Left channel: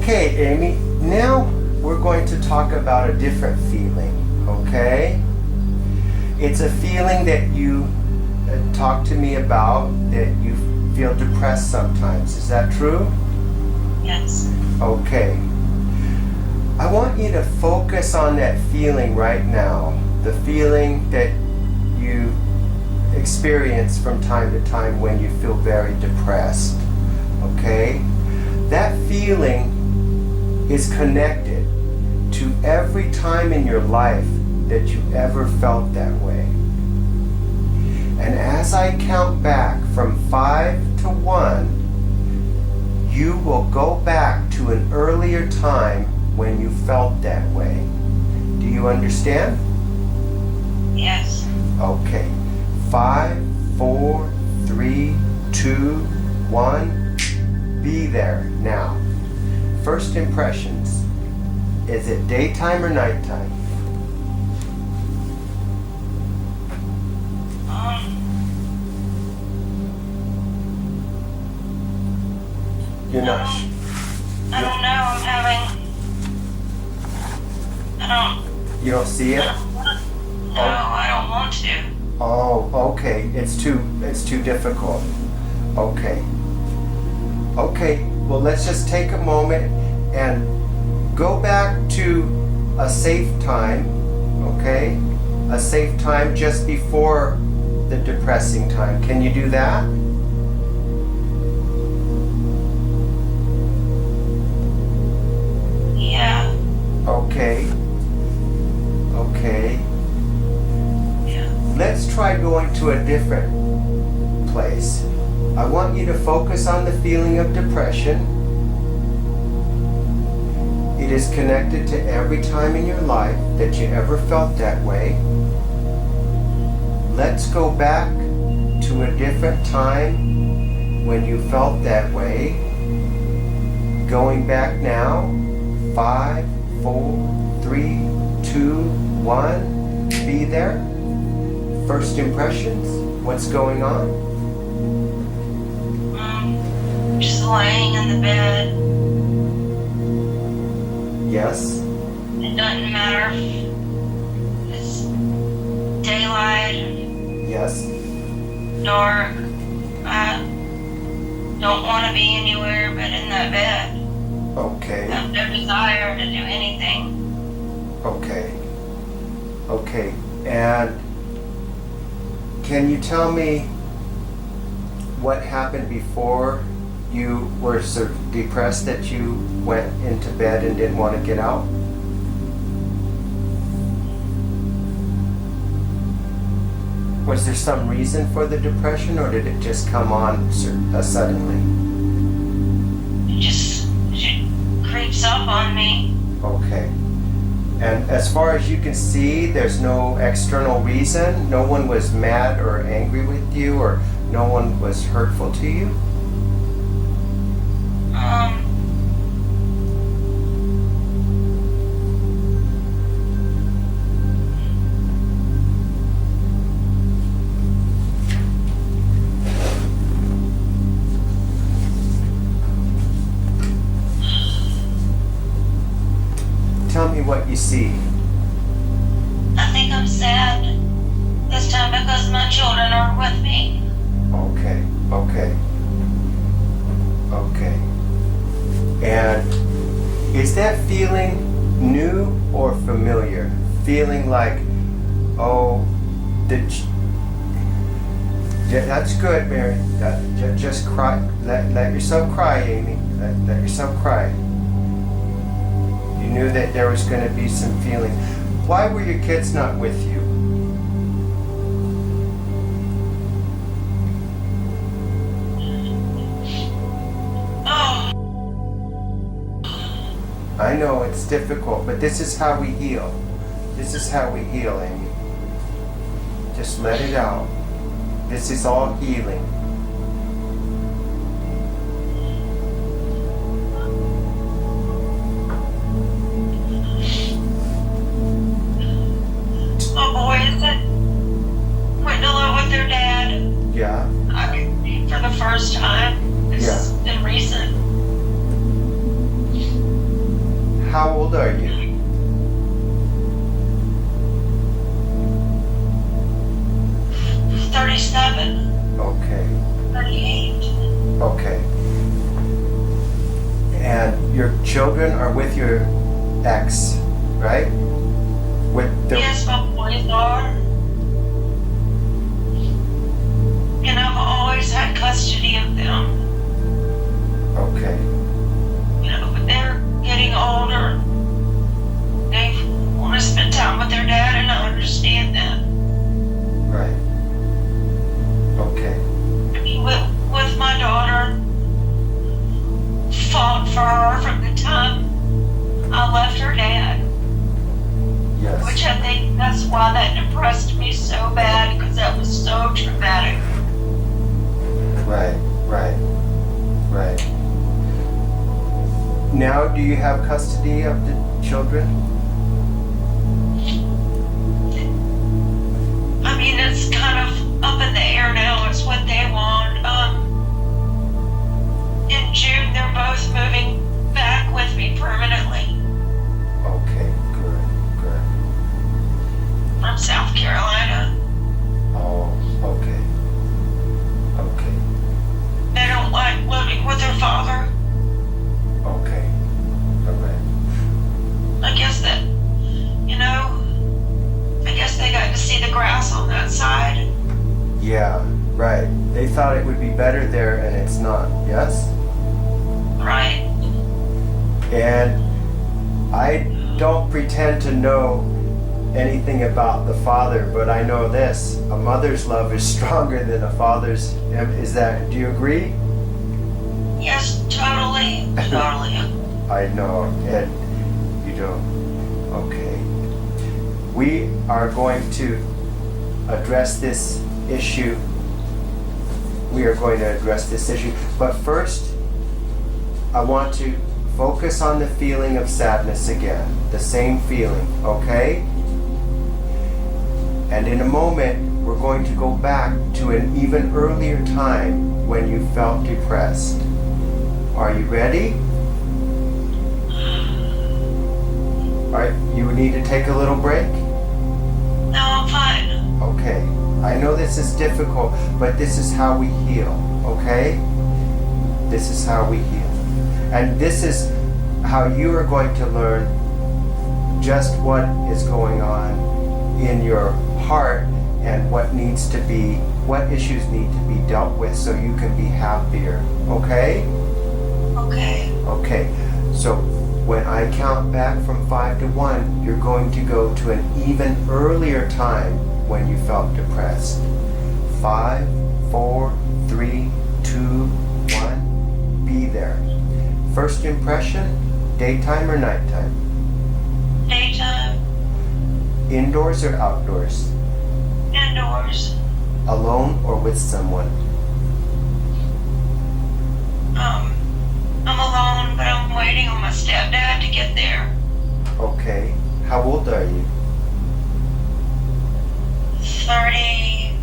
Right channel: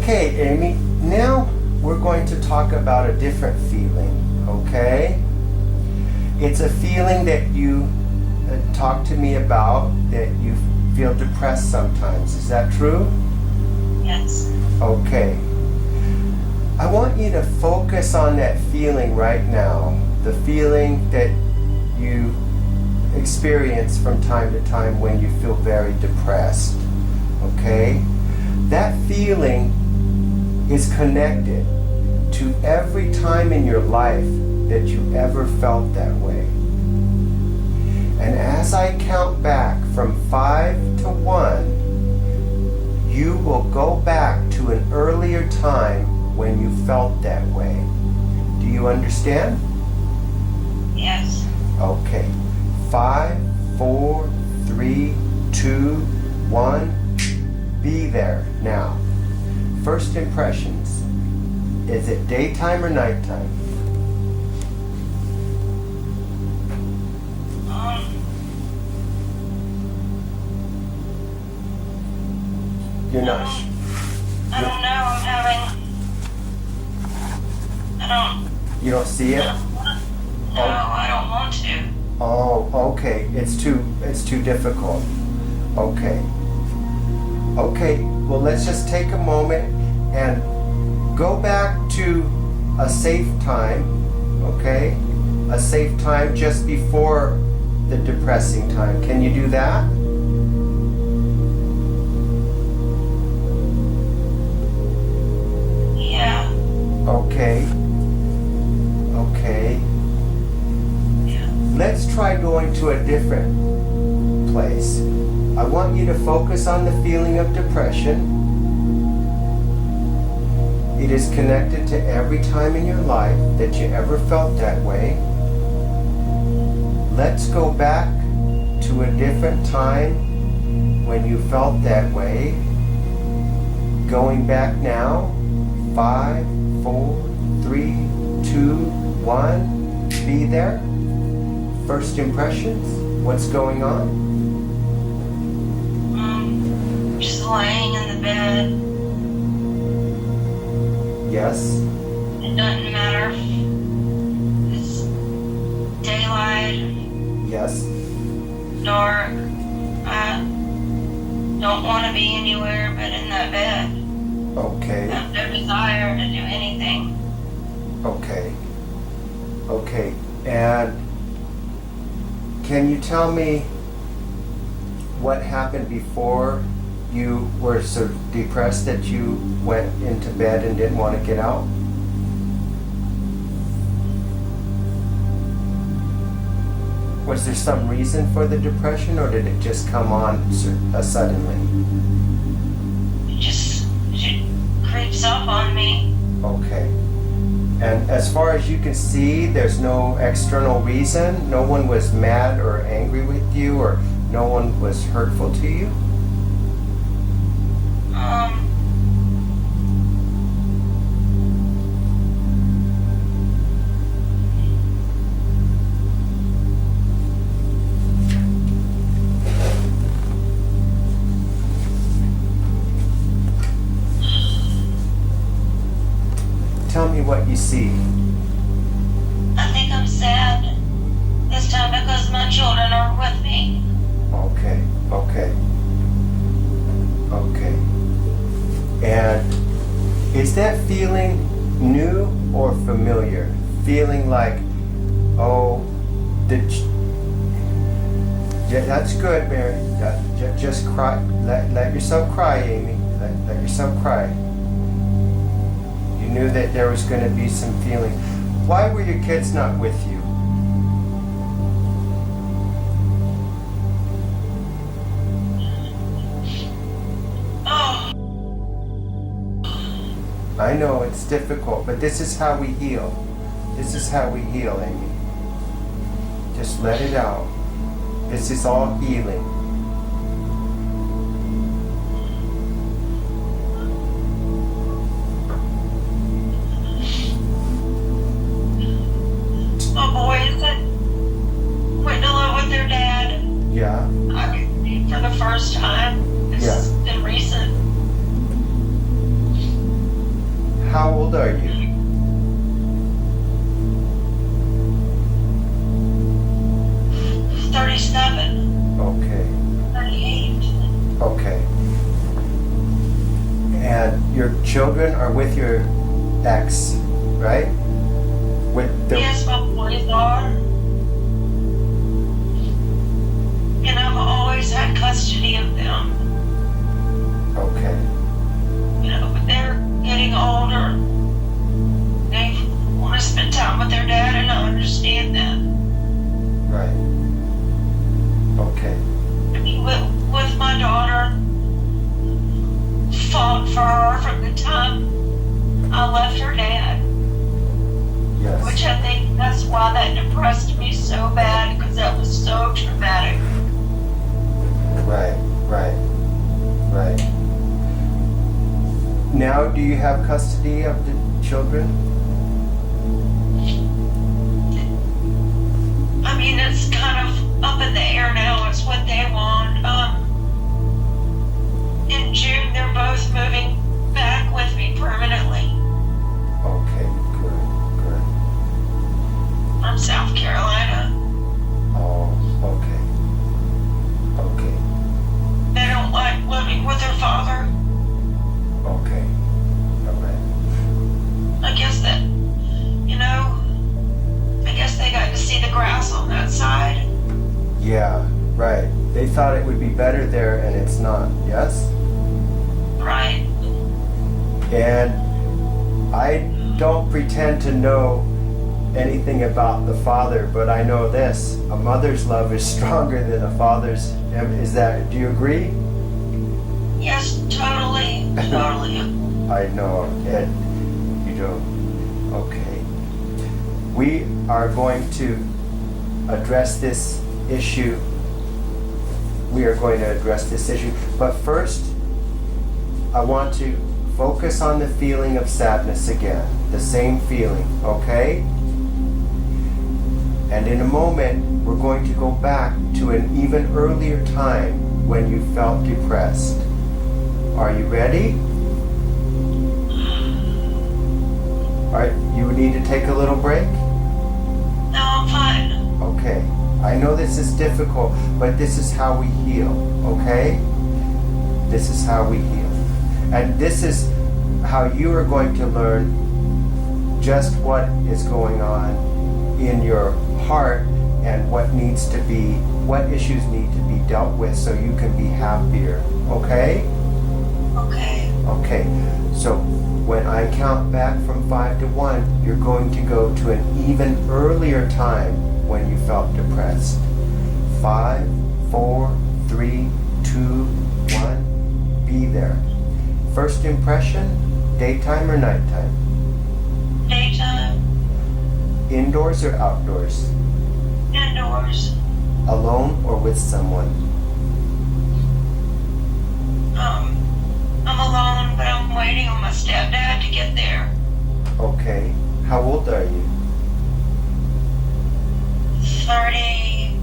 Okay, Amy, now we're going to talk about a different feeling, okay? It's a feeling that you talked to me about, that you feel depressed sometimes. Is that true? Yes. Okay. I want you to focus on that feeling right now, the feeling that you experience from time to time when you feel very depressed, okay? That feeling is connected to every time in your life that you ever felt that way. And as I count back from 5 to 1, you will go back to an earlier time when you felt that way. Do you understand? Yes. Okay. 5, 4, 3, 2, 1. Be there now. First impressions. Is it daytime or nighttime? You're not. I don't know. I'm having. You don't see it? No, I don't want to. Oh, okay. It's too difficult. Okay. Okay. Well, let's just take a moment and go back to a safe time. Okay? A safe time just before the depressing time. Can you do that? Yeah. Okay. Okay. Yeah. Let's try going to a different place. I want you to focus on the feeling of depression. It is connected to every time in your life that you ever felt that way. Let's go back to a different time when you felt that way. Going back now. 5, 4, 3, 2, 1. Be there. First impressions. What's going on? Just laying in the bed. Yes. It doesn't matter if it's daylight, Yes. dark. I don't want to be anywhere but in that bed. Okay. I have no desire to do anything. Okay. Okay. And can you tell me what happened before you were so depressed that you went into bed and didn't want to get out? Was there some reason for the depression, or did it just come on suddenly? It creeps up on me. Okay. And as far as you can see, there's no external reason? No one was mad or angry with you, or no one was hurtful to you? Tell me what you see. I think I'm sad this time because my children are with me. Okay, okay, okay. And is that feeling new or familiar? Feeling like, oh, yeah, that's good, Mary. Just cry. Let yourself cry, Amy. Let yourself cry. You knew that there was going to be some feeling. Why were your kids not with you? Oh. I know it's difficult, but this is how we heal. This is how we heal, Amy. Just let it out. This is all healing. My boys that went to live with their dad. Yeah. For the first time. It's been recent. How old are you? 37. Okay. 38. Okay. And your children are with your ex, right? With the Yes, my boys are. And I've always had custody of them. Okay. You know, but they're getting older. They want to spend time with their dad, and I understand that. Right. Okay. I mean, with my daughter, fought for her from the time I left her dad. Yes. Which I think that's why that depressed me so bad, because that was so traumatic. Right. Now, do you have custody of the children? I mean, it's kind of up in the air now. It's what they want. In June, they're both moving back with me permanently Okay, good. from South Carolina. Oh, okay. They don't like living with their father. Okay. All right. I guess that, I guess they got to see the grass on that side. Yeah, right. They thought it would be better there and it's not, yes? Right. And I don't pretend to know anything about the father, but I know this: a mother's love is stronger than a father's. Do you agree? Yes, totally. I know, and you don't. Okay. We are going to address this issue. But first, I want to focus on the feeling of sadness again. The same feeling, okay? And in a moment, we're going to go back to an even earlier time when you felt depressed. Are you ready? All right, you need to take a little break? No, I'm fine. Okay. I know this is difficult, but this is how we heal, okay? This is how we heal. And this is how you are going to learn just what is going on in your heart and what issues need to be dealt with so you can be happier, okay? Okay. Okay, so when I count back from 5 to 1, you're going to go to an even earlier time when you felt depressed. 5, 4, 3, 2, 1, be there. First impression, daytime or nighttime? Daytime. Indoors or outdoors? Indoors. Alone or with someone? I'm alone, but I'm waiting on my stepdad to get there. Okay. How old are you? 33,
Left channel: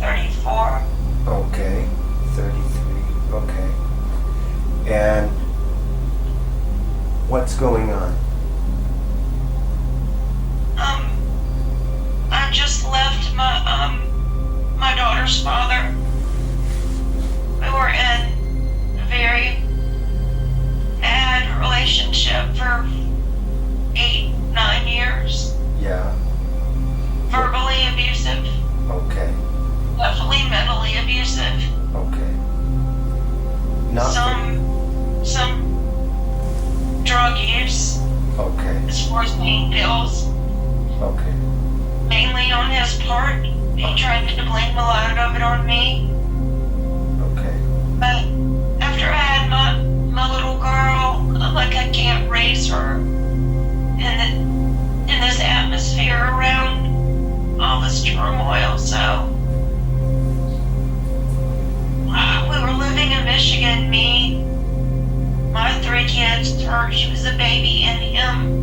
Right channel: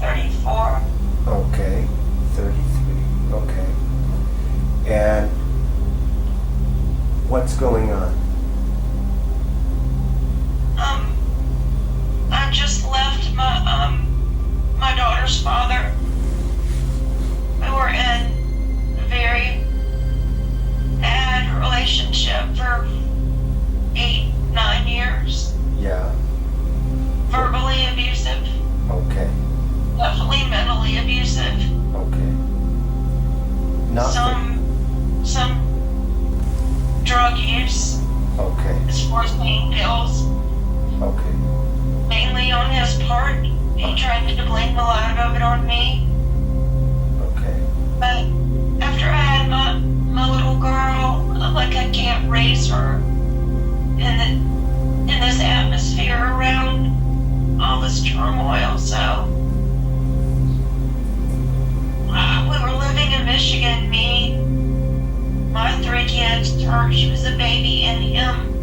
34. Okay. 33. Okay. And what's going on? I just left my daughter's father. We were in a very bad relationship for 8, 9 years. Yeah. Verbally abusive. Okay. Definitely mentally abusive. Okay. Not Some drug use Okay. as far as pain pills. Okay. Mainly on his part. He tried to blame a lot of it on me. Okay. But after I had my little girl, I'm like, I can't raise her in this atmosphere around all this turmoil. So we were living in Michigan, me, my 3 kids, her, she was a baby, and him.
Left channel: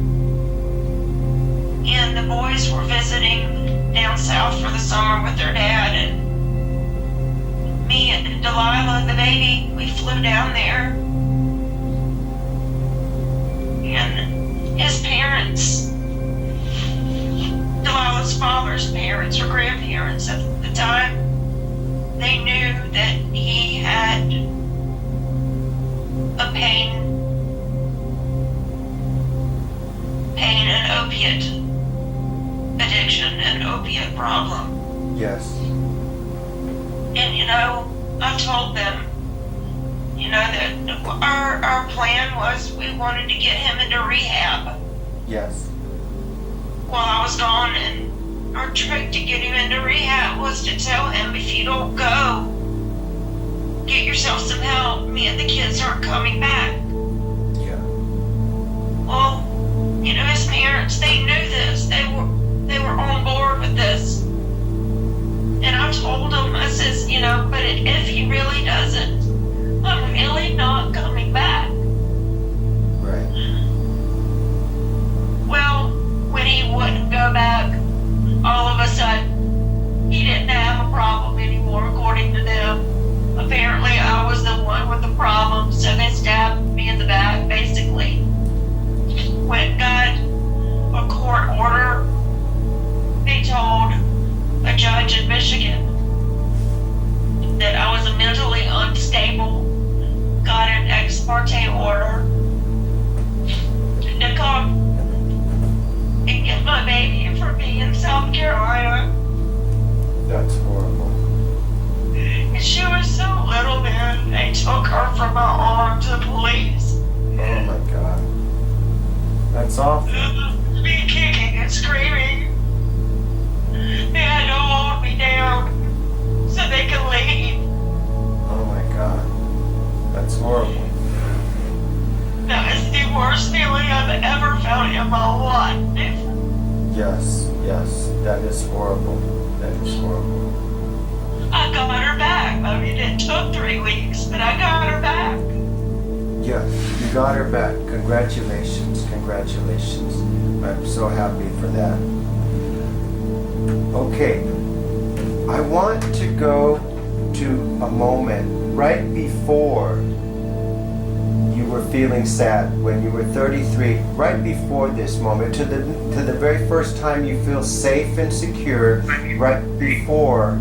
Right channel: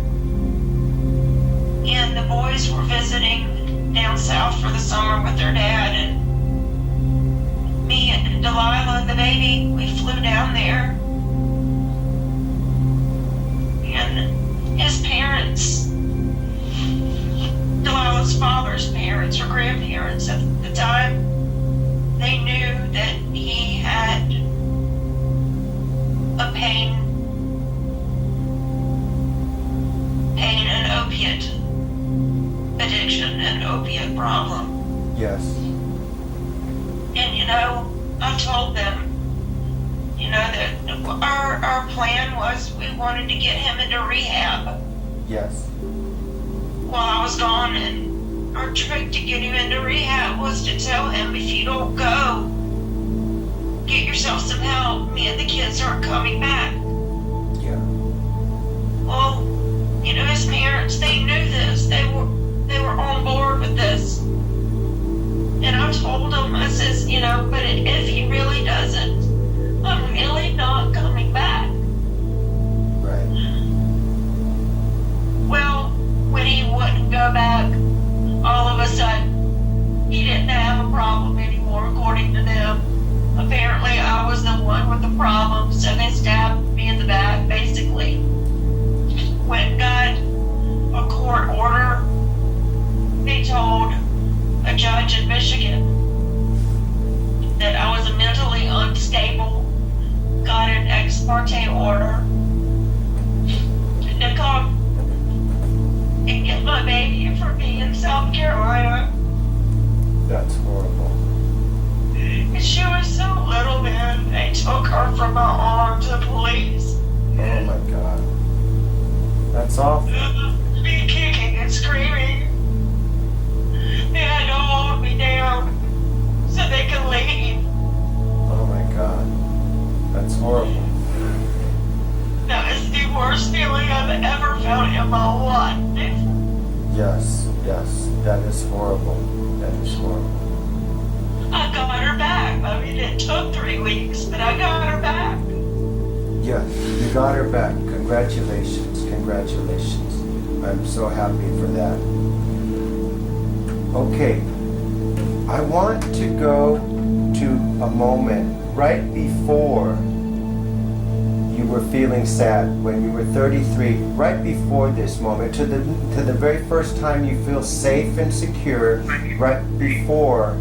And the boys were visiting down south for the summer with their dad, and me and Delilah, the baby, we flew down there. And his parents, Delilah's father's parents or grandparents at the time, they knew that he had a pain and opiate addiction and opiate problem. Yes. And I told them, that our plan was we wanted to get him into rehab Yes. while I was gone, and our trick to get him into rehab was to tell him, if you don't go, get yourself some help, me and the kids aren't coming back. Yeah. Well, his parents, they knew this. They were on board with this. And I told him, I says, but if he really doesn't, I'm really not coming back. Right. Well, when he wouldn't go back, all of a sudden, he didn't have a problem anymore, according to them. Apparently, I was the one with the problem, so they stabbed me in the back, basically. Went and got a court order. They told a judge in Michigan that I was mentally unstable, got an ex parte order to come and get my baby for me in South Carolina. That's horrible. And she was so little, man. They took her from my arms, the police. Oh my God. That's awful. Me kicking and screaming. They had to hold me down so they could leave. Oh my God. That's horrible. That is the worst feeling I've ever felt in my life. Yes. Yes. That is horrible. That is horrible. I got her back. I mean, it took 3 weeks, but I got her back. Yeah. You got her back. Congratulations. Congratulations. I'm so happy for that. Okay. I want to go to a moment right before you were feeling sad, when you were 33, right before this moment, to the very first time you feel safe and secure, right before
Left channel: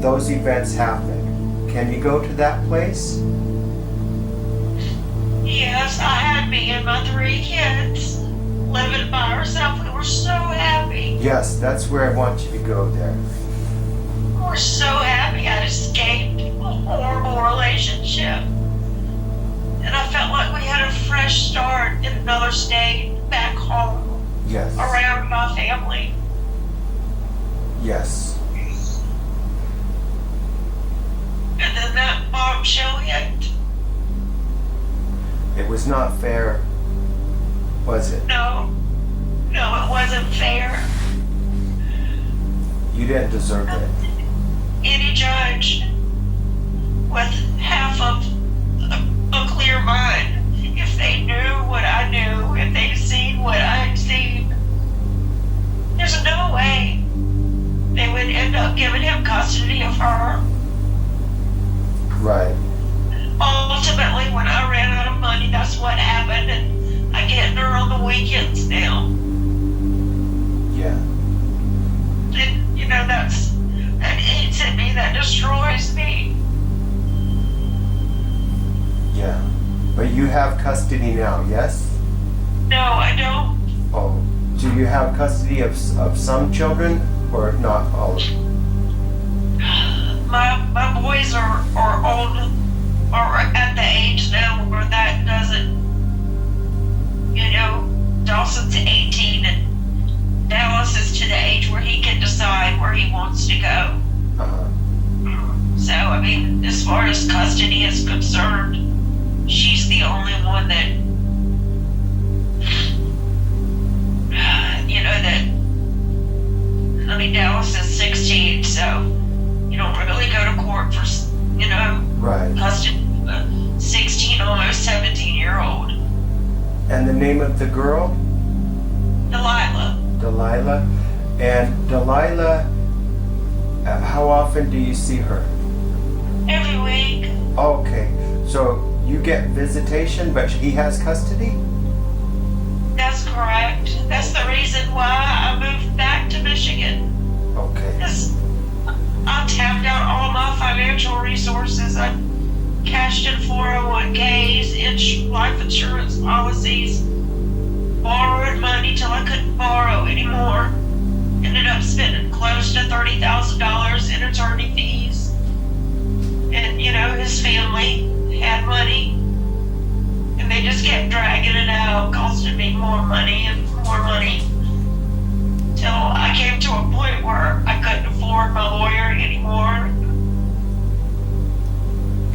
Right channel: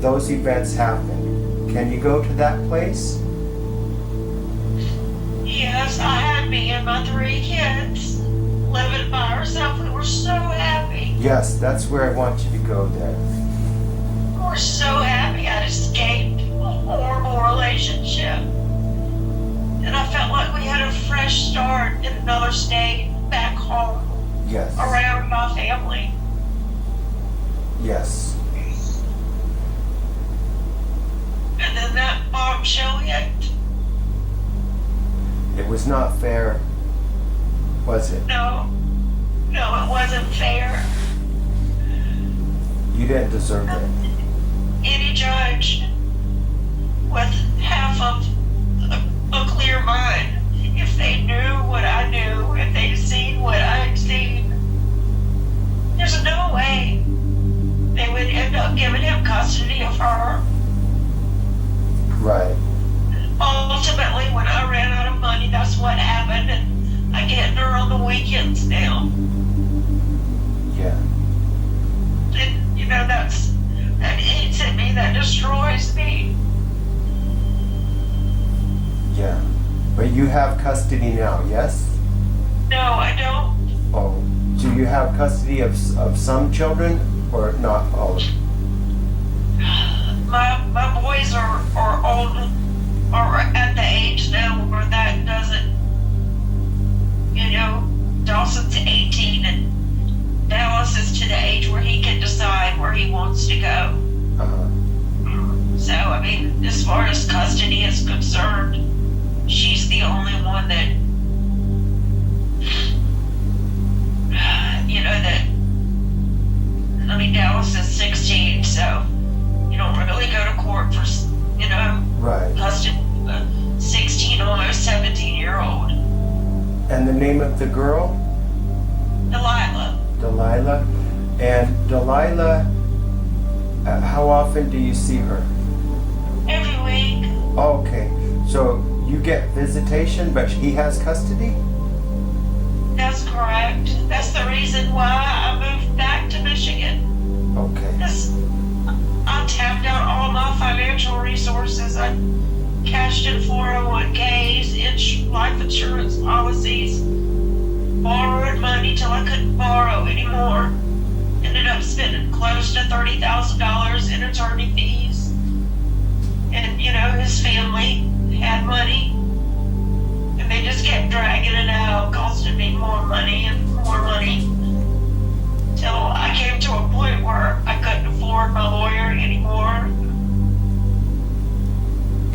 those events happen. Can you go to that place? Yes, I had me and my 3 kids living by ourselves. We were so happy. Yes, that's where I want you to go there. We were so happy I'd escaped a horrible relationship. And I felt like we had a fresh start in another state, back home, Yes. around my family. Yes. And then that bombshell hit. It was not fair, was it? No, it wasn't fair. You didn't deserve it. Any judge with half of a clear mind, if they knew what I knew, if they'd seen what I'd seen, there's no way they would end up giving him custody of her. Right. Ultimately, when I ran out of money, that's what happened, and I get her on the weekends now. Yeah. And, that eats at me, that destroys me. Yeah. But you have custody now, yes? No, I don't. Oh. Do you have custody of some children or not all of them? My boys are old, or at the age now where that doesn't, Dawson's 18 and Dallas is to the age where he can decide where he wants to go. Uh-huh. So, I mean, as far as custody is concerned, she's the only one that, Dallas is 16, so you don't really go to court for, Right. custody of a 16, almost 17-year-old. And the name of the girl? Delilah. Delilah. And Delilah, how often do you see her? every week. Okay, so you get visitation, but he has custody? That's correct. That's the reason why I moved back to Michigan. Okay. Because I tapped out all my financial resources. I cashed in 401ks, life insurance policies, borrowed money till I couldn't borrow anymore. Ended up spending close to $30,000 in attorney fees. And, his family had money. And they just kept dragging it out, costing me more money and more money. Till I came to a point where I couldn't afford my lawyer anymore.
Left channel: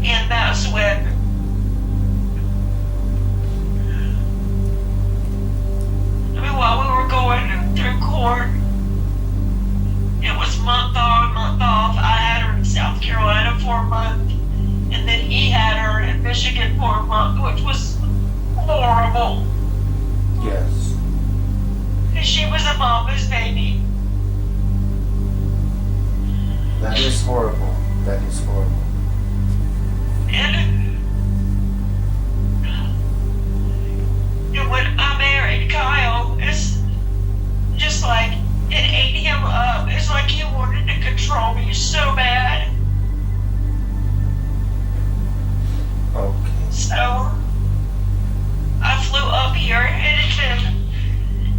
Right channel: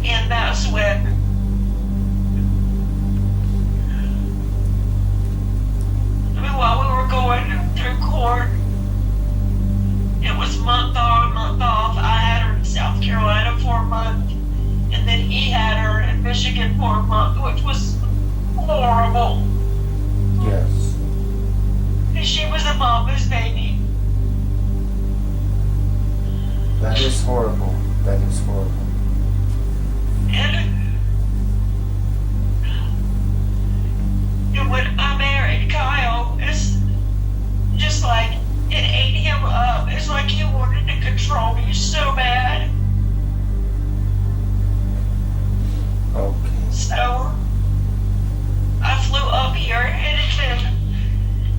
And that's when while we were going through court, it was month on, month off. I had her in South Carolina for a month, and then he had her in Michigan for a month, which was horrible. Yes. And she was a mama's baby. That is horrible. That is horrible. And when I married Kyle, it's just like it ate him up. It's like he wanted to control me so bad. Okay. So I flew up here, and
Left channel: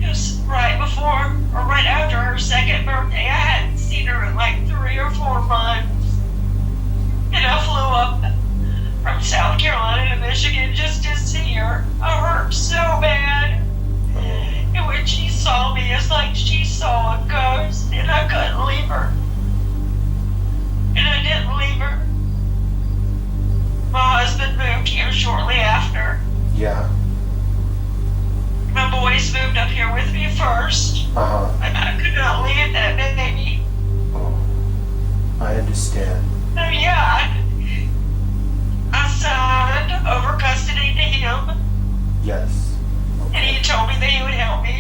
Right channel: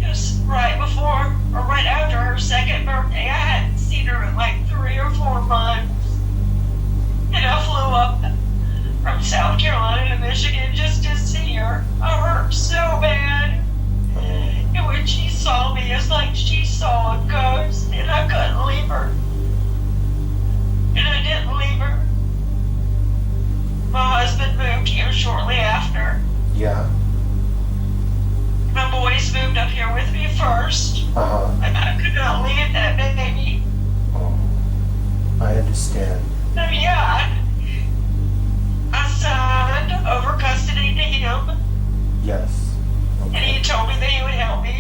it was right before or right after her second birthday. I hadn't seen her in like 3 or 4 months. And I flew up from South Carolina to Michigan just to see her. I hurt so bad. And when she saw me, it's like she saw a ghost, and I couldn't leave her. And I didn't leave her. My husband moved here shortly after. Yeah. My boys moved up here with me first. Uh-huh. And I could not leave that baby. Oh, I understand. So yeah, I signed over custody to him. Yes. And he told me that he would help me,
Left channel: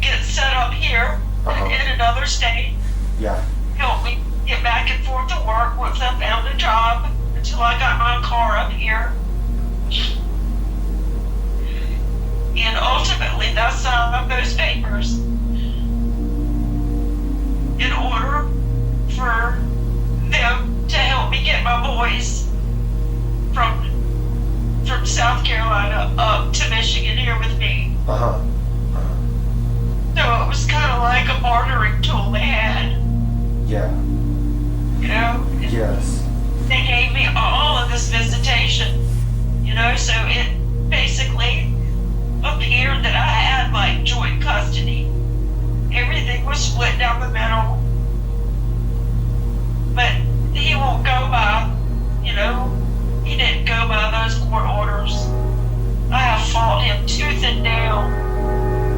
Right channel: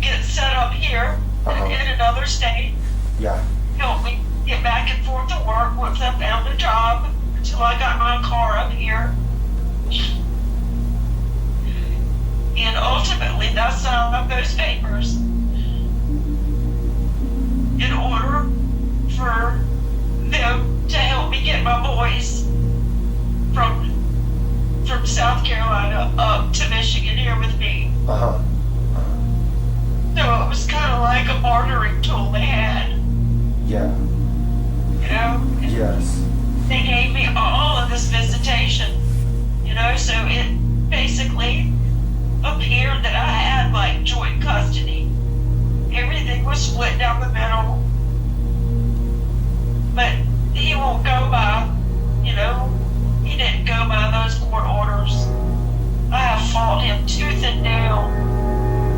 get set up here in another state. Yeah. Help me get back and forth to work once I found a job until I got my car up here. And ultimately, I signed those papers in order for them to help me get my boys from South Carolina up to Michigan here with me. Uh-huh. So it was kind of like a bartering tool they had. Yeah. Yes. They gave me all of this visitation, so it basically appeared that I had like joint custody. Everything was split down the middle. But he won't go by, he didn't go by those court orders. I have fought him tooth and nail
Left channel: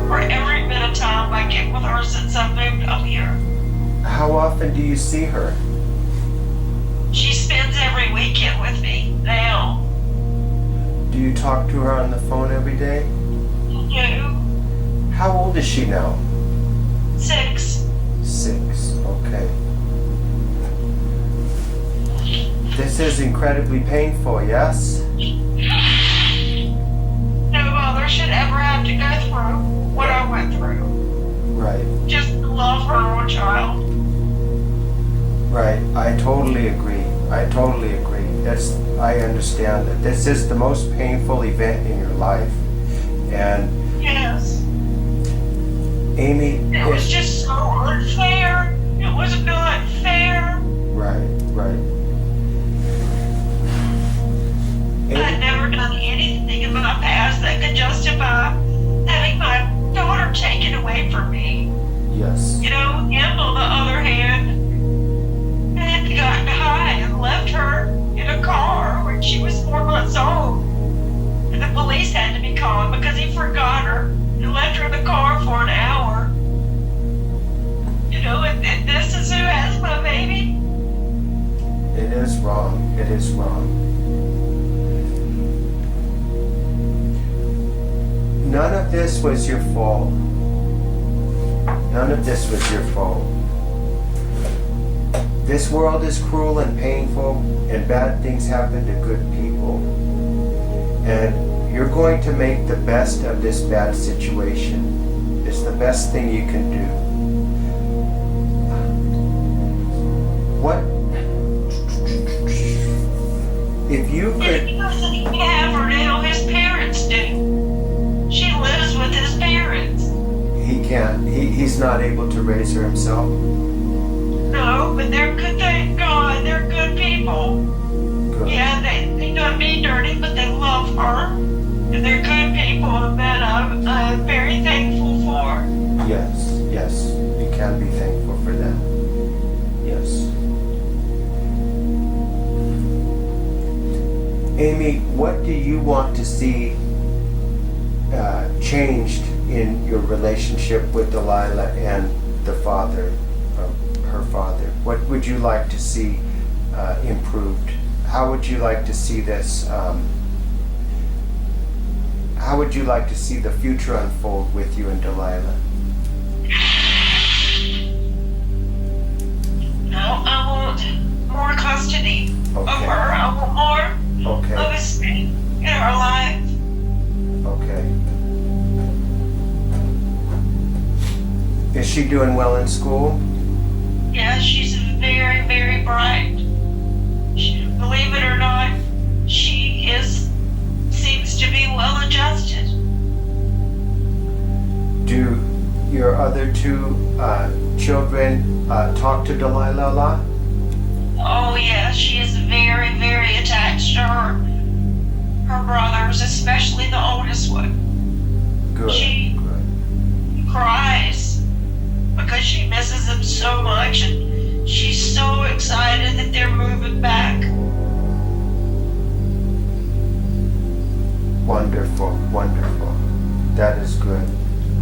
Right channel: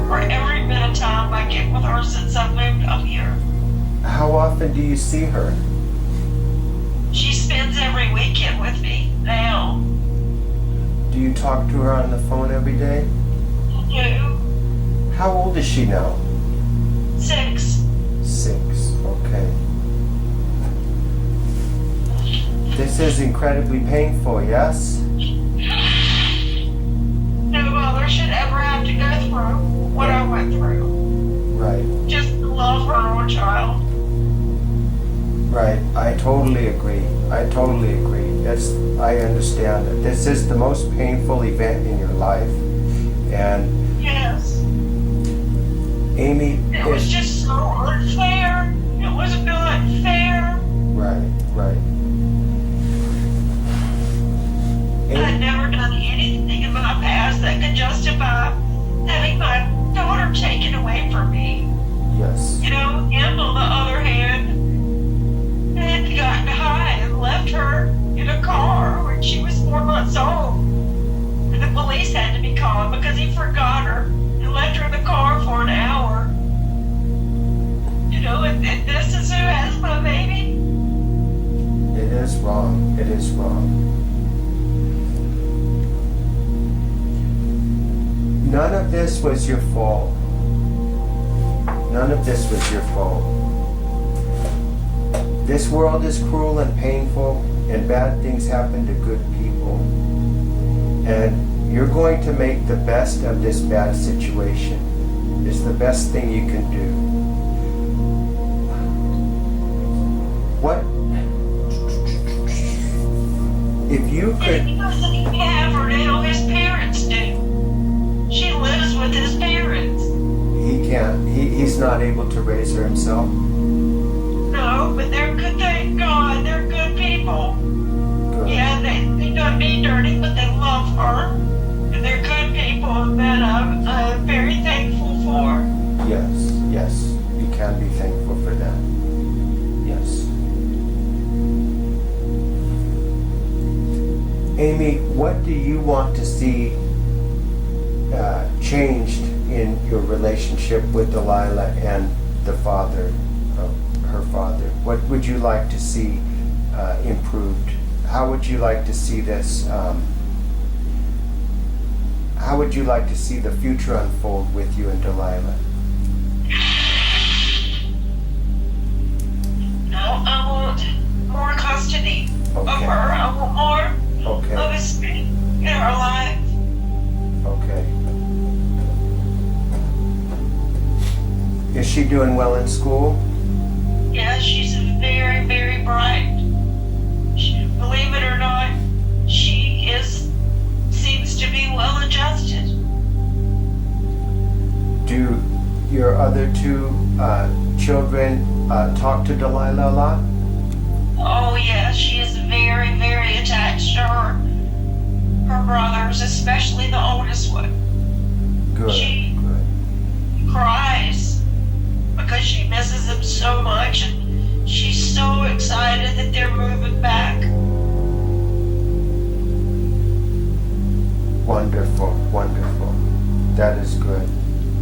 for every bit of time I get with her since I moved up here. How often do you see her? She spends every weekend with me now. Do you talk to her on the phone every day? No. How old is she now? 6. 6. Okay. This is incredibly painful, yes? No mother should ever have to go through what I went through. Right. Just love her own child. Right. I totally agree. I understand that this is the most painful event in your life. And Yes. Amy, It was just so unfair. It was not fair. Right. I'd never done anything in my past that could justify having my daughter taken away from me. Yes. Him, on the other hand, had gotten high and left her in a car when she was 4 months old. And the police had to be called because he forgot her and left her in the car for an hour. And this is who has my baby? It is wrong. It is wrong. None of this was your fault. None of this was your fault. this world is cruel and painful, and bad things happen to good people. And you're going to make the best of this bad situation. It's the best thing you can do. What if you could? He doesn't have her now. His parents do. She lives with his parents. He can't. He's not able to raise her himself. No, but they're good. Thank God, they're good people. Good. Yeah, they don't be dirty, but they love her, and they're good people, and that I'm very thankful for. Yes. Yes. You can be thankful for that. Yes. Amy, what do you want to see changed in your relationship with Delilah and the father of her father? What would you like to see improved? How would you like to see this? How would you like to see the future unfold with you and Delilah? No, I want more custody of Okay. her. I want more Okay. of a spirit in her life. Okay. Is she doing well in school? Yeah, she's very, very bright. Believe it or not, she seems to be well adjusted. Do your other two children talk to Delilah a lot? Oh yeah, she is very, very attached to her brothers, especially the oldest one. Good. She Good. cries because she misses them so much, and she's so excited that they're moving back. Wonderful. Wonderful. That is good.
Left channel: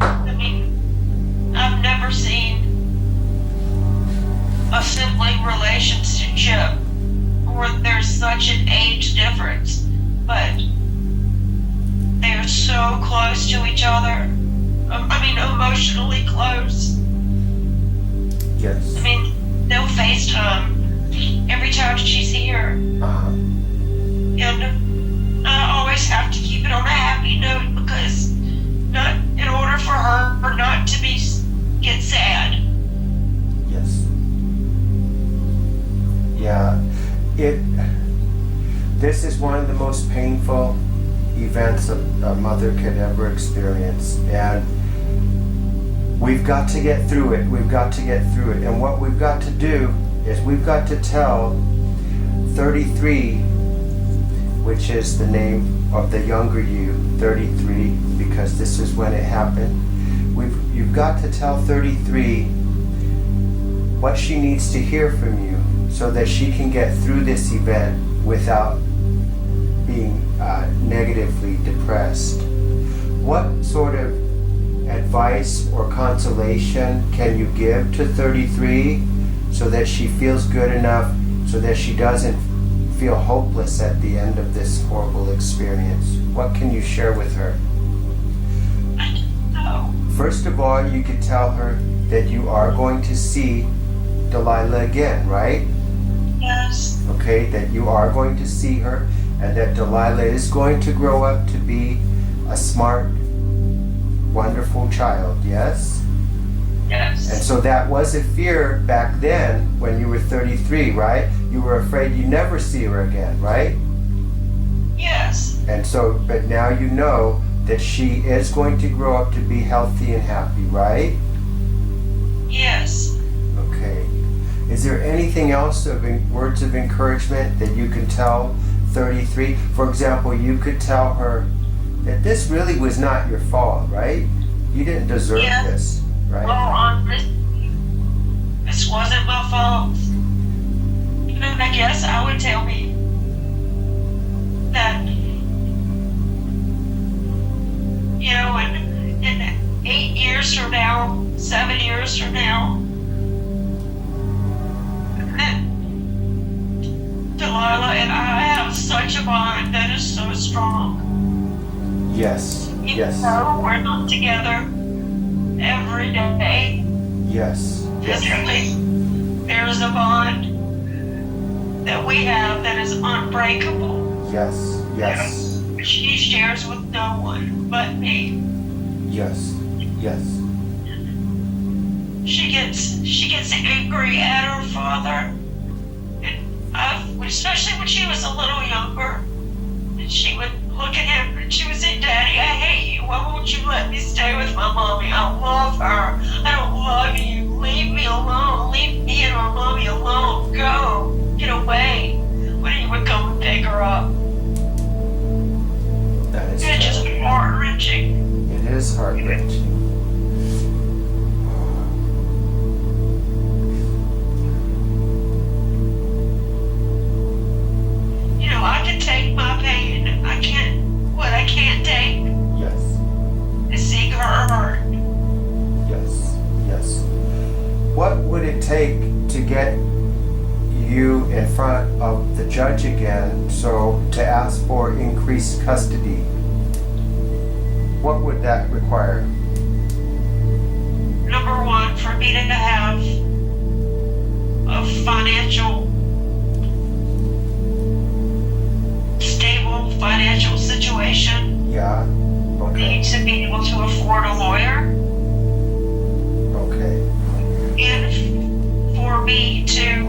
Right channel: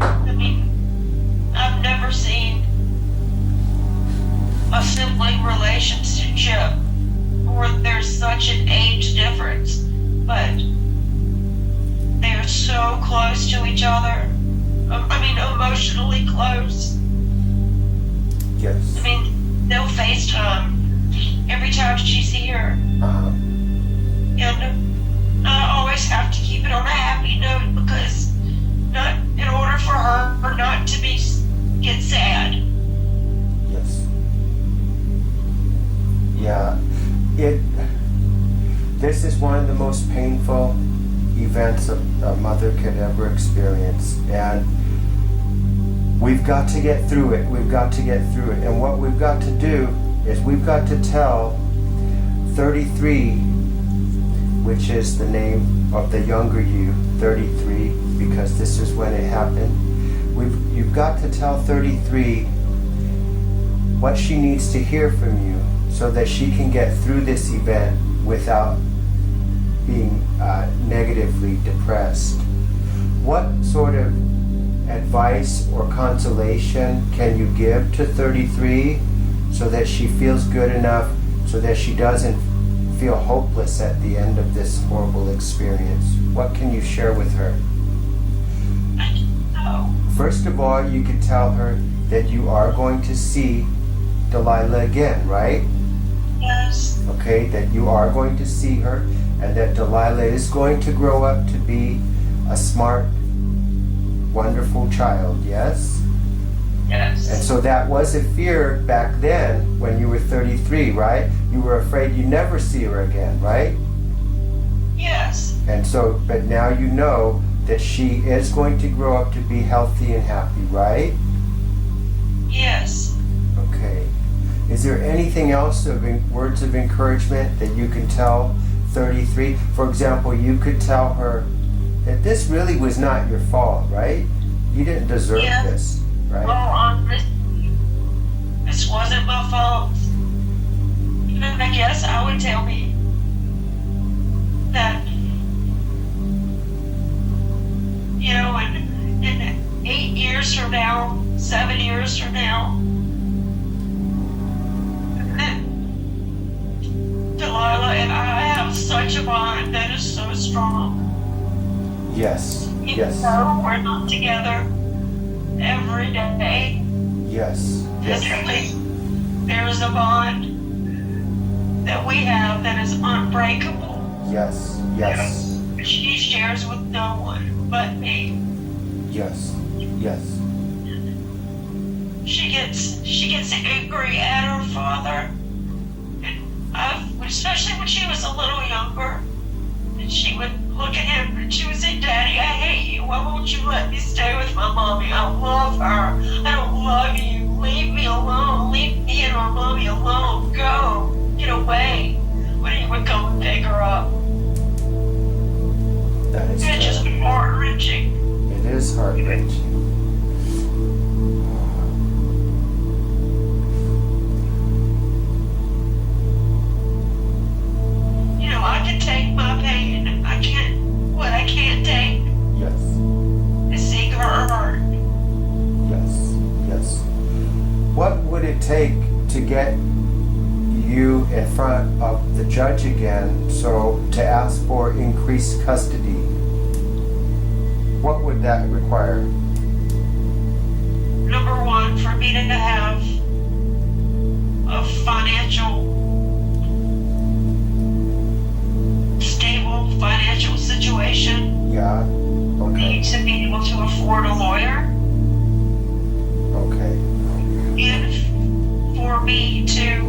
I mean, I've never seen a sibling relationship where there's such an age difference, but they're so close to each other. I mean, emotionally close. Yes. I mean, they'll FaceTime every time she's here. Uh-huh. And I always have to keep it on a happy note because in order for her not to get sad. Yes. Yeah. This is one of the most painful events a mother could ever experience, and we've got to get through it. We've got to get through it. And what we've got to do is we've got to tell 33, which is the name of the younger you, 33, because this is when it happened. You've got to tell 33 what she needs to hear from you so that she can get through this event without being negatively depressed. What sort of advice or consolation can you give to 33 so that she feels good enough so that she doesn't feel hopeless at the end of this horrible experience? What can you share with her? I don't know. First of all, you could tell her that you are going to see Delilah again, right? Yes. Okay, that you are going to see her, and that Delilah is going to grow up to be a smart, wonderful child, yes? Yes. And so that was a fear back then when you were 33, right? You were afraid you'd never see her again, right? Yes. And so, but now you know that she is going to grow up to be healthy and happy, right? Yes. Okay. Is there anything else words of encouragement that you can tell 33? For example, you could tell her that this really was not your fault, right? You didn't deserve this, right? Well, honestly, this wasn't my fault. And I guess I would tell me that, you know, in 8 years from now, 7 years from now, that Delilah and I have such a bond that is so strong. Yes, Even yes, though we're not together every day, yes, yes, literally, there's a bond that we have that is unbreakable. Yes, yes, She shares with no one but me. yes, yes. She gets angry at her father, and especially when she was a little younger, and she would look at him and she would say, "Daddy, I hate you. Why won't you let me stay with my mommy? I love her. I don't love you. Leave me alone. Leave me and my mommy alone. Go. Get away." When he would come and pick her up. That is It's just terrible. heart-wrenching. It is heart-wrenching. You know, I can take my pain. What I can't take Yes, is seeing her hurt. yes, yes. What would it take to get you in front of the judge again, so to ask for increased custody? What would that require? Number one, for me to have a stable financial situation. Yeah, okay, Need to be able to afford a lawyer. okay, And for me to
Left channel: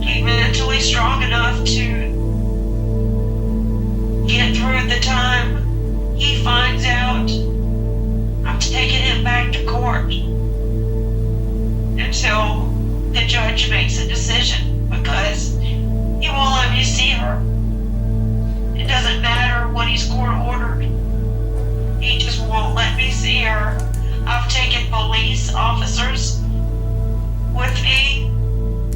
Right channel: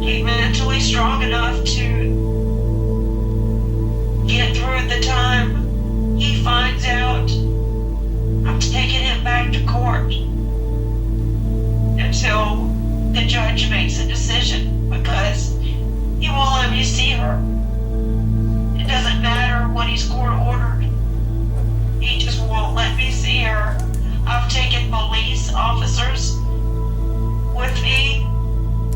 be mentally strong enough to get through the time he finds out I'm taking him back to court until the judge makes a decision, because he won't let me see her. It doesn't matter what he's court ordered. He just won't let me see her. I've taken police officers with me,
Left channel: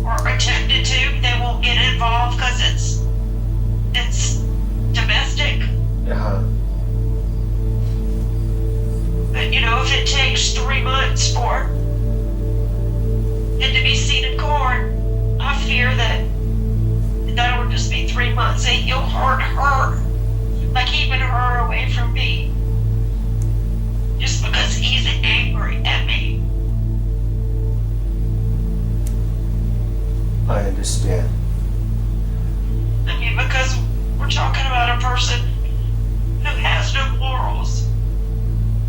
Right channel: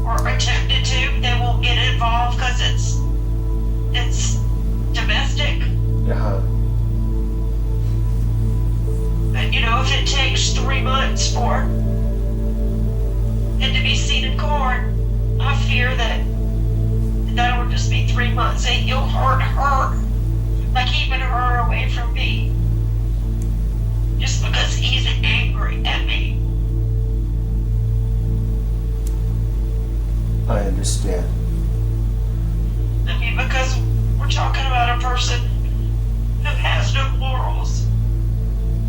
or attempted to. They won't get involved because it's domestic. uh-huh, But you know, if it takes 3 months for it to be seen in court, I fear that will just be 3 months, and he'll hurt her by keeping her away from me, just because he's angry at me. I understand. I mean, because we're talking about a person who has no morals.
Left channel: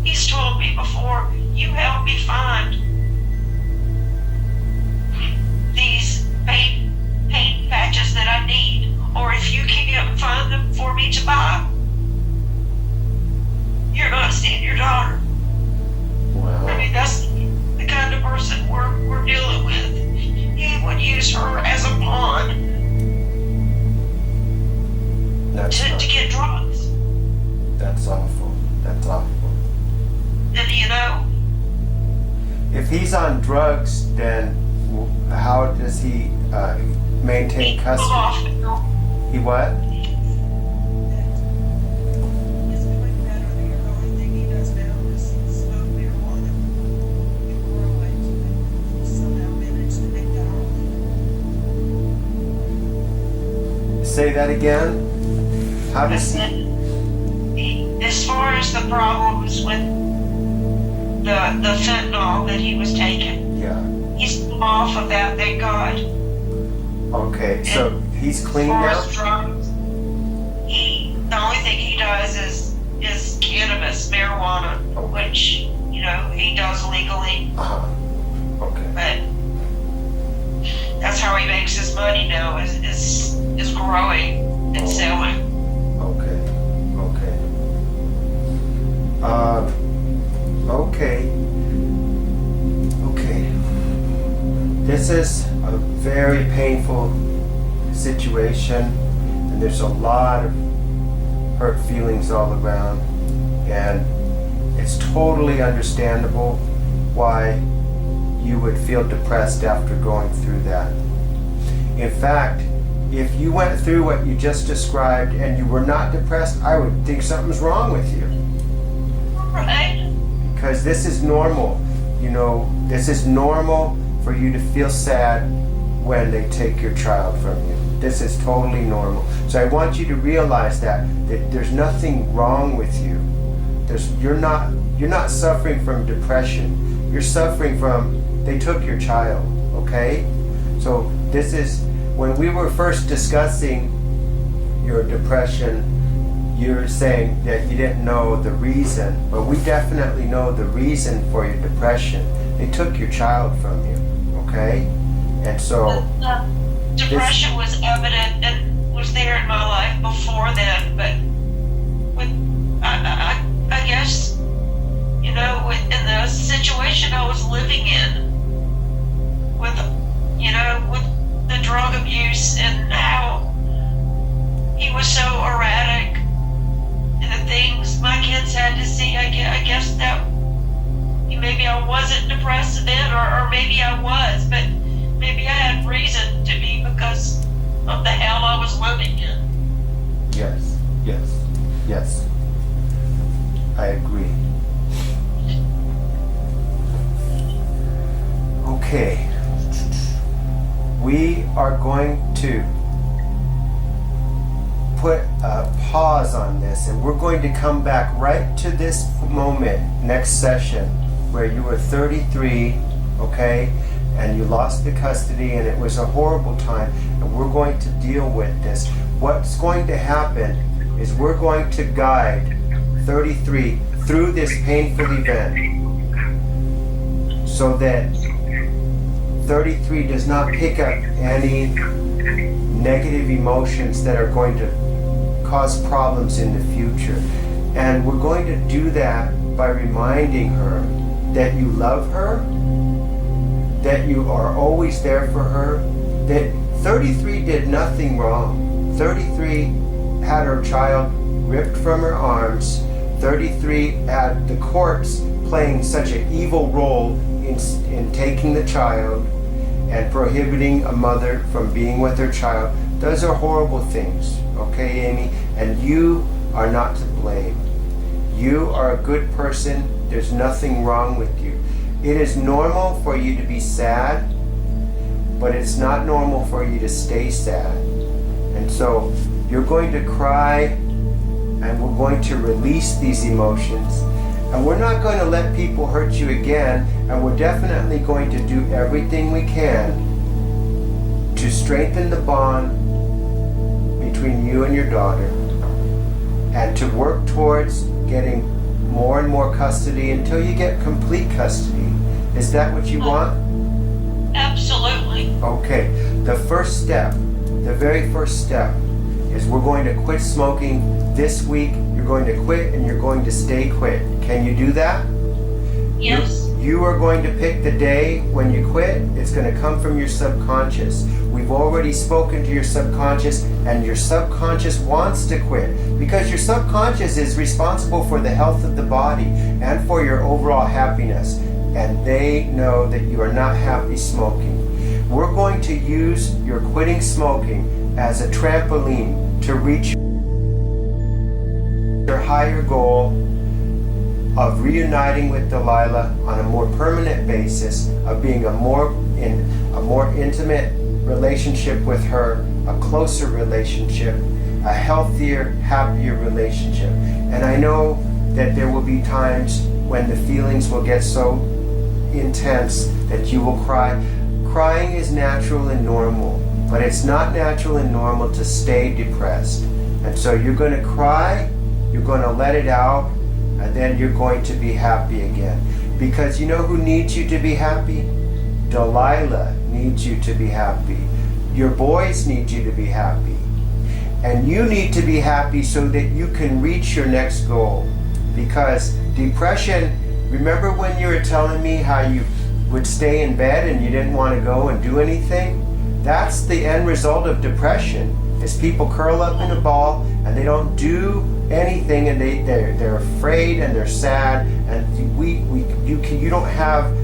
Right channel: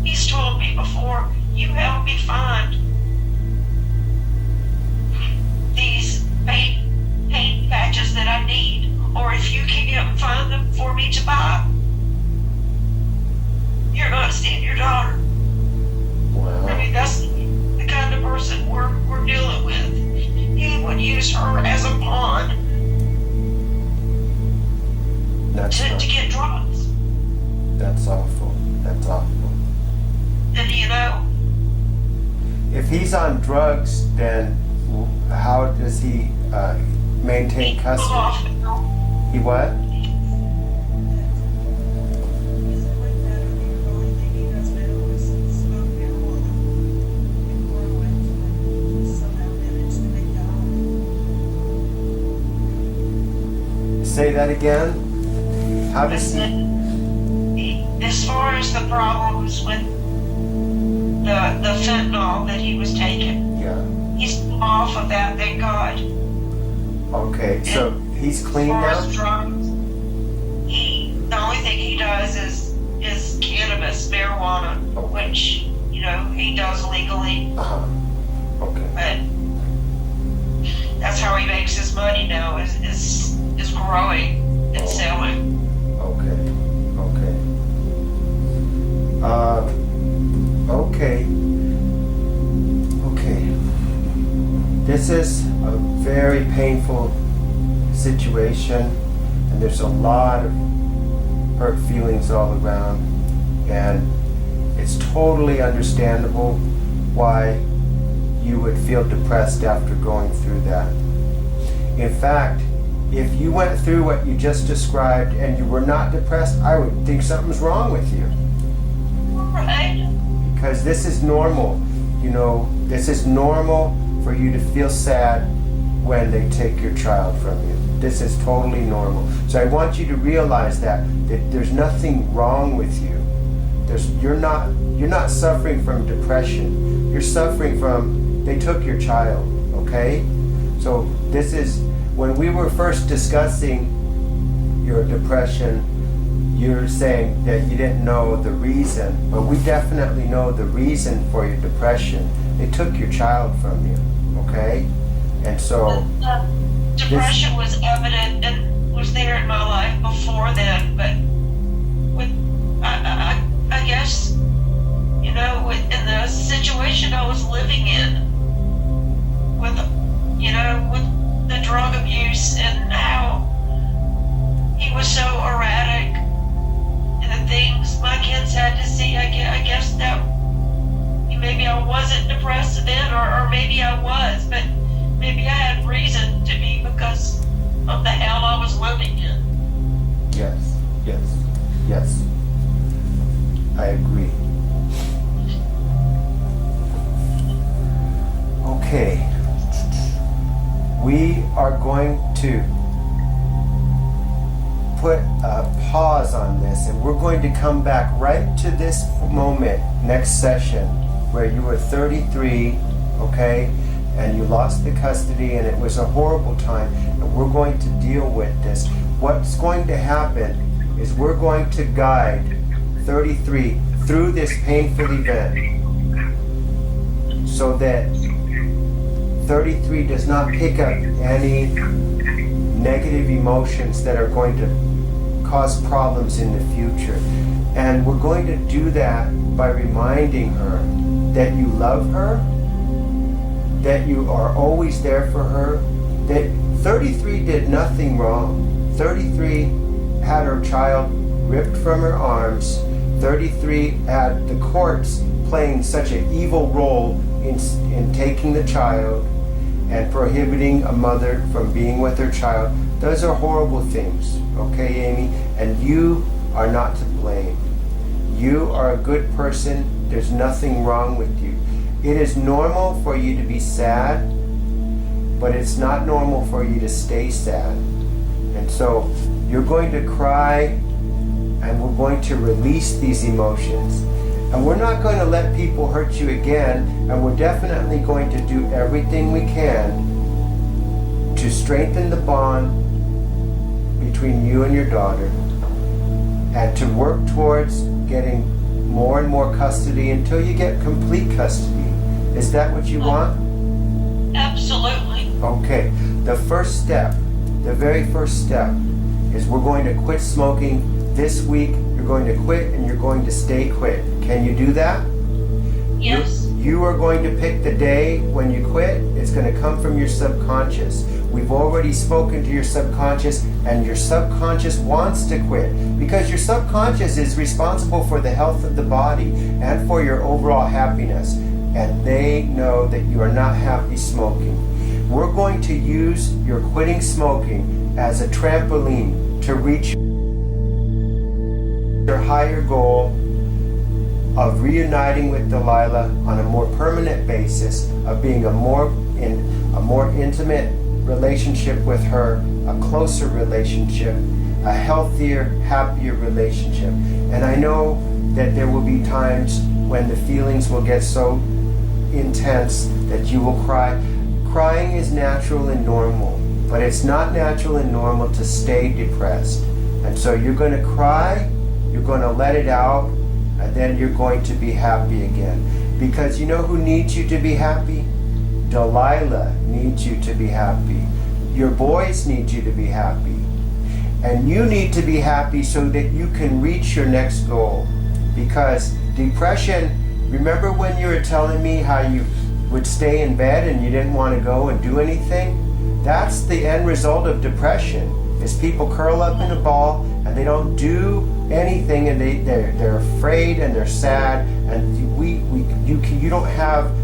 He's told me before, "You help me find these paint patches that I need, or if you can't find them for me to buy, you're not seeing your daughter." Wow, I mean, that's the kind of person we're dealing with. He would use her as a pawn that's to get drugs. that's awful. That's awful. And you know, If he's on drugs, then how does he maintain he pulled custody? off. He what? He's doing better. The only thing he does now is smoke marijuana and grow it, and somehow manage to make down. Say that again? How does he? As far as the problems with the fentanyl that he was taking, Yeah. he's come off of that, thank God. Okay, so he's As clean far now? as drugs, the only thing he does is cannabis, marijuana, Okay. which, you know, he does legally, Uh-huh. Okay. but that's how he makes his money now, is growing and selling. Okay. Okay. Okay. Okay. This is a very painful situation, and there's a lot of hurt feelings all around, and it's totally understandable why you would feel depressed after going through that. In fact, if you went through what you just described and you were not depressed, I would think something's wrong with you. Right? Because this is normal. You know, this is normal for you to feel sad when they take your child from you. This is totally normal. So I want you to realize that there's nothing wrong with you. You're not suffering from depression. You're suffering from they took your child, okay? So This is when we were first discussing your depression, you were saying that you didn't know the reason, but we definitely know the reason for your depression. They took your child from you, okay? And so The depression was evident and was there in my life before then, but I guess, in the situation I was living in with the drug abuse and how he was so erratic and the things my kids had to see, I guess that maybe I wasn't depressed then, or maybe I was, but maybe I had reason to be because of the hell I was living in. yes, yes, yes. I agree. Okay. We are going to put a pause on this, and we're going to come back right to this moment next session where you were 33, okay, and you lost the custody and it was a horrible time, and we're going to deal with this. What's going to happen is we're going to guide 33 through this painful event so that 33 does not pick up any negative emotions that are going to cause problems in the future. And we're going to do that by reminding her that you love her, that you are always there for her, that 33 did nothing wrong. 33 had her child ripped from her arms. 33 had the courts playing such an evil role in taking the child and prohibiting a mother from being with her child. Those are horrible things, okay, Amy? And you are not to blame. You are a good person. There's nothing wrong with you. It is normal for you to be sad, but it's not normal for you to stay sad. And so you're going to cry, and we're going to release these emotions. And we're not going to let people hurt you again, and we're definitely going to do everything we can to strengthen the bond between you and your daughter, and to work towards getting more and more custody until you get complete custody. Is that what you want? Absolutely. Okay. The first step, the very first step, is we're going to quit smoking this week. You're going to quit, and you're going to stay quit. Can you do that? Yes. You are going to pick the day when you quit. It's going to come from your subconscious. We've already spoken to your subconscious, and your subconscious wants to quit because your subconscious is responsible for the health of the body and for your overall happiness. And they know that you are not happy smoking. We're going to use your quitting smoking as a trampoline to reach your higher goal of reuniting with Delilah on a more permanent basis, of being in a more intimate relationship with her, a closer relationship, a healthier, happier relationship. And I know that there will be times when the feelings will get so intense that you will cry. Crying is natural and normal, but it's not natural and normal to stay depressed. And so you're going to cry, you're going to let it out, and then you're going to be happy again. Because you know who needs you to be happy? Delilah needs you to be happy. Your boys need you to be happy. And you need to be happy so that you can reach your next goal. Because depression, remember when you were telling me how you would stay in bed and you didn't want to go and do anything? That's the end result of depression, is people curl up in a ball and they don't do anything, and they're afraid and they're sad, and you don't have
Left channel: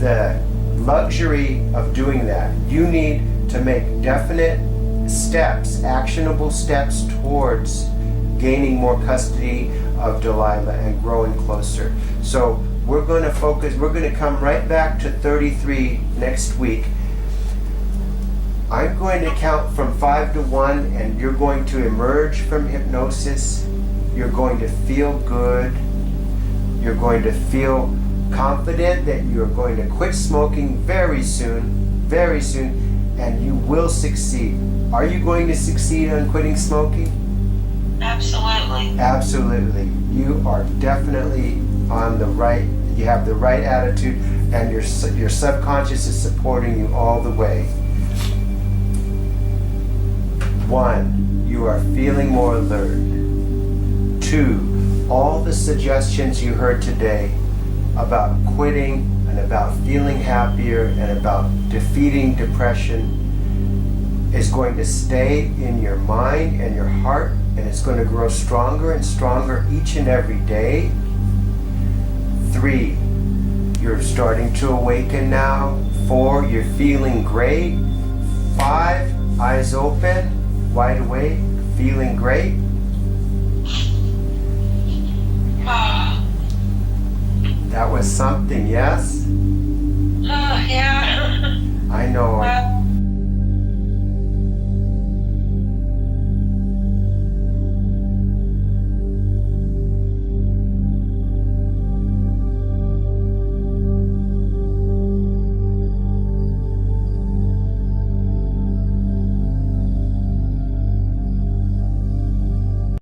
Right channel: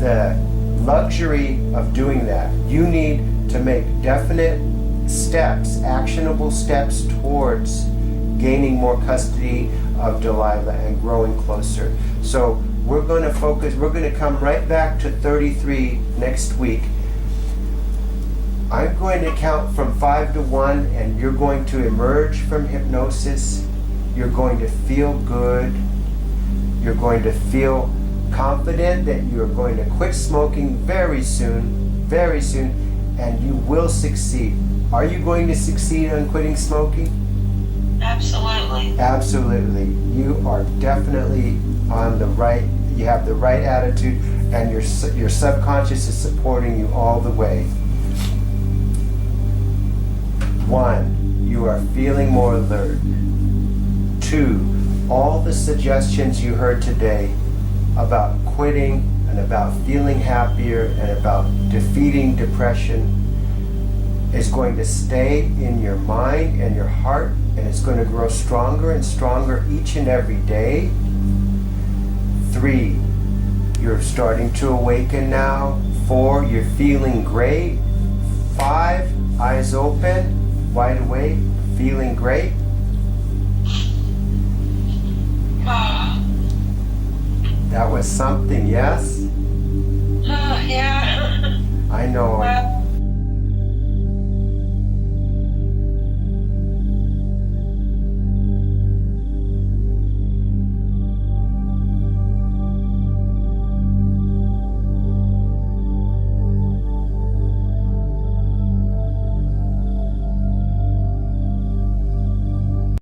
the luxury of doing that. You need to make definite steps, actionable steps towards gaining more custody of Delilah and growing closer. So we're going to focus, we're going to come right back to 33 next week. I'm going to count from 5 to 1, and you're going to emerge from hypnosis. You're going to feel good. You're going to feel confident that you're going to quit smoking very soon, and you will succeed. Are you going to succeed on quitting smoking? Absolutely. Absolutely. You are definitely on the right, you have the right attitude, and your subconscious is supporting you all the way. 1, you are feeling more alert. 2, all the suggestions you heard today about quitting and about feeling happier and about defeating depression is going to stay in your mind and your heart, and it's going to grow stronger and stronger each and every day. 3, you're starting to awaken now. 4, you're feeling great. 5, eyes open, wide awake, feeling great. That was something, yes? Yeah. I know. Well,